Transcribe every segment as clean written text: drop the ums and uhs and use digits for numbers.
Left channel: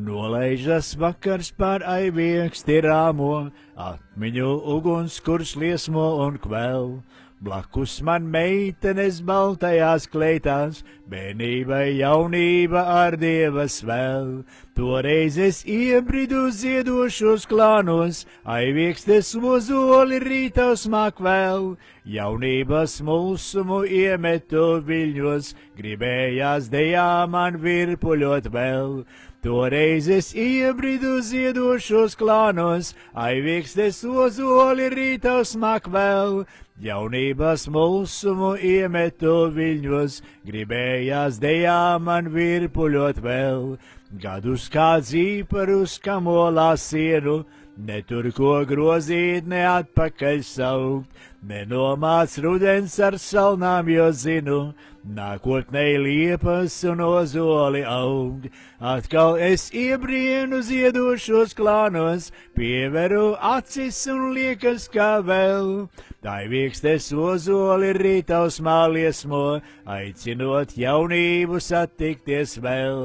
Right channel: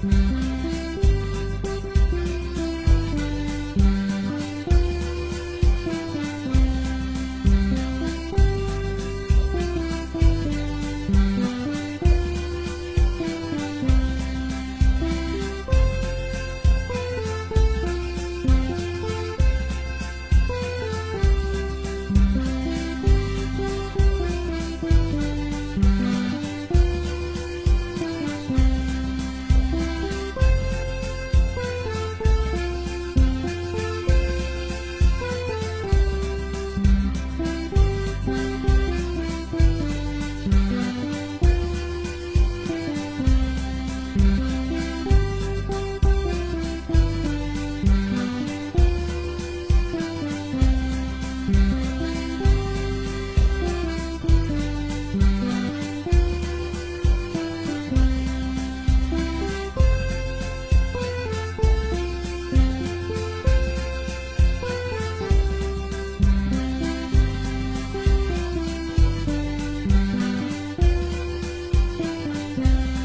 Nolaižas vakars pār aivieksti rāmo, akmeņu uguns, kurš liesmo un kvēl. Blakus man meitenes baltajās kleitās, vienība jaunība ar Dievas vēl. Toreiz es iebridu ziedošos klānos, aiviekstes mozoli rītausmāk vēl. Jaunības mūsumu iemetu viļņos, gribējās dejā man virpuļot vēl. Toreiz es iebridu ziedošos klānos, aiviekstes mozoli rītausmāk vēl. Jaunības mūsumu iemetu viļņos, gribējās dejā man virpuļot vēl. Kad uz kā dzīparus kamolā siedu, netur ko grozīt, ne atpakaļ savu. Nenomāc rudens ar salnām, jo zinu, nākotnei liepas un ozoli aug. Atkal es iebrienu ziedošos klānos, pieveru acis un liekas kā vēl. Aivieksts ozoli rītausmā liesmo, aicinot jaunību satikties vēl.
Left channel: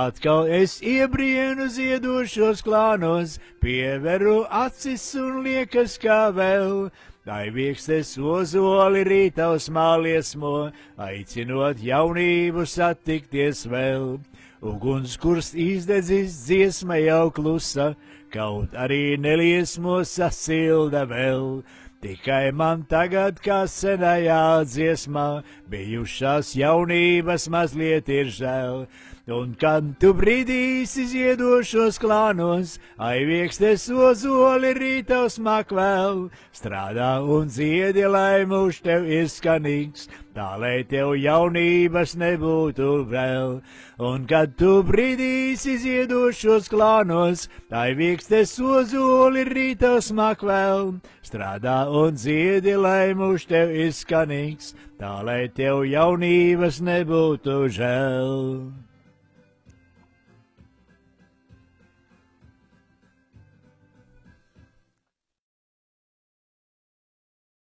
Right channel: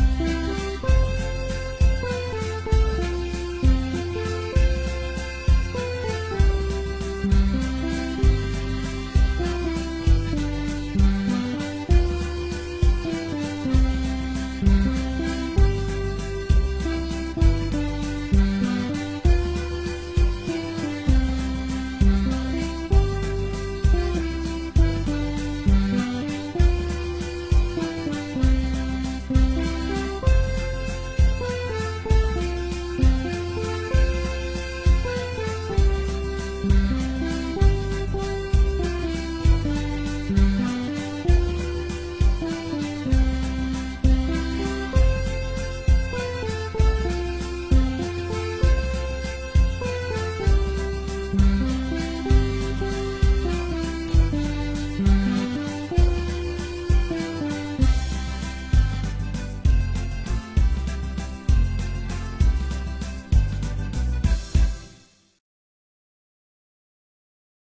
Atkal es iebrienu ziedošos klānos, pieveru acis un liekas kā vēl. Aivieksts ozoli rītausmā liesmo, aicinot jaunību satikties vēl. Uguns, kurš izdedzis dziesma jau klusa, kaut arī neliesmo sasilda vēl. Tikai man tagad, kā senajā dziesmā, bijušās jaunības mazliet ir žēl. Un kad tu brīdīsi ziedošos klānos, aivieksts ozoli rītausmā kvēl. Strādā un dziedi, lai mūžs tev ir skanīgs, tā lai tev jaunības nebūtu vēl. Un kad tu brīdīsi ziedošos klānos, aivieksts ozoli rītausmā kvēl. Strādā un dziedi, lai mūžs tev ir skanīgs, tā lai tev jaunības nebūtu žēl.